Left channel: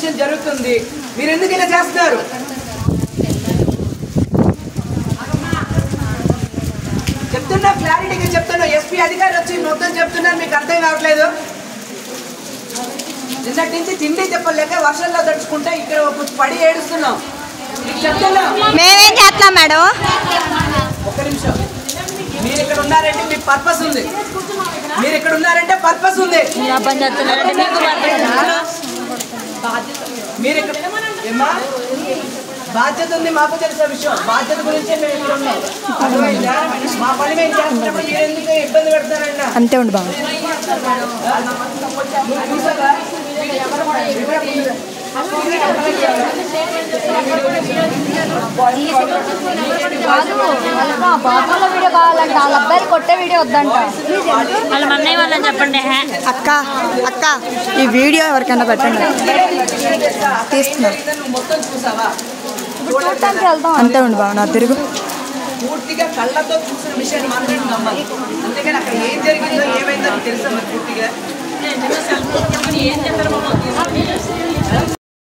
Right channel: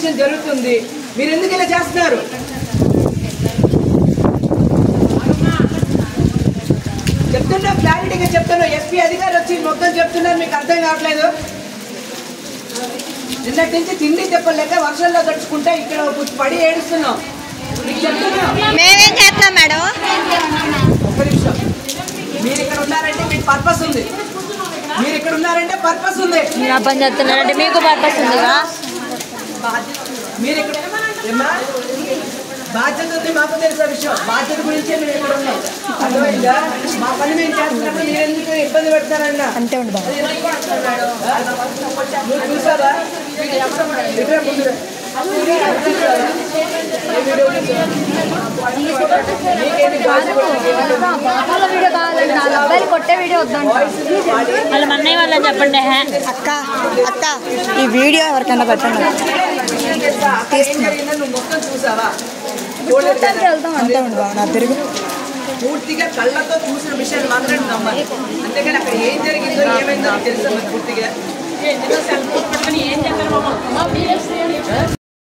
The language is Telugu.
ఇన్వెస్టిగేషన్ జరుగుతుంది, మీరు ఎందుకు ఇలా చేస్తున్నారు? చెప్తున్నా, క్లారిటీగా చెప్తున్నా. ఎస్పీ అధికారులు వచ్చి మొత్తం చెప్తున్నారు, మీకు అర్థం కావట్లేదు. నిన్నటి నుంచి తిండి చెప్పలేక వర్షంలో తడుచుకుంటే ఇక్కడ పడి ఏడుస్తున్నాం. మేమేం చేస్తున్నాం మేడం? ఒక్క నిమిషం. మీరు ఇక్కడ ఉన్నారంటే మీకు పర్పస్ ఉంది. మీరు ఇక్కడ ఉన్నారంటే పర్పస్ ఉంది. మీరు అర్థం చేస్తున్నారంటే మీకు పర్పస్ ఉందా? మీరు ఇక్కడ ఏమా బాధ్యత ఉంది, మాకు తెలిసిన విషయం. బాధ్యత గురించే మేము ఇక్కడ ఉన్నాం, అర్థమైందా? మా పని మేము చేస్తున్నప్పుడు మీరు ఎందుకు ఇబ్బంది పెడతారన్నా? అంతే ఉండి బాబు. చూసావా? బాబుల వీడియో కావాలంటే 4 అబ్బాయిలు కొట్టే వీడియో వద్దంట. వాళ్ళ మన్నయ్య వాళ్ళని చెప్పండి. అక్క అక్క ఈ వీడియో ఎవరికైనా పెట్టండి. మొత్తం చూసావా? చూడటానికి వెళ్తాం. అంతే ఉండి బాబు. నా తిరుగు పూర్తిగా కళ్ళతో చూసిన విషయాన్ని మాత్రం నమ్మాలి. అంతేగాని అక్కడ ఏం జరిగిందో ఏమైందో తెలుసా పూర్తిగా.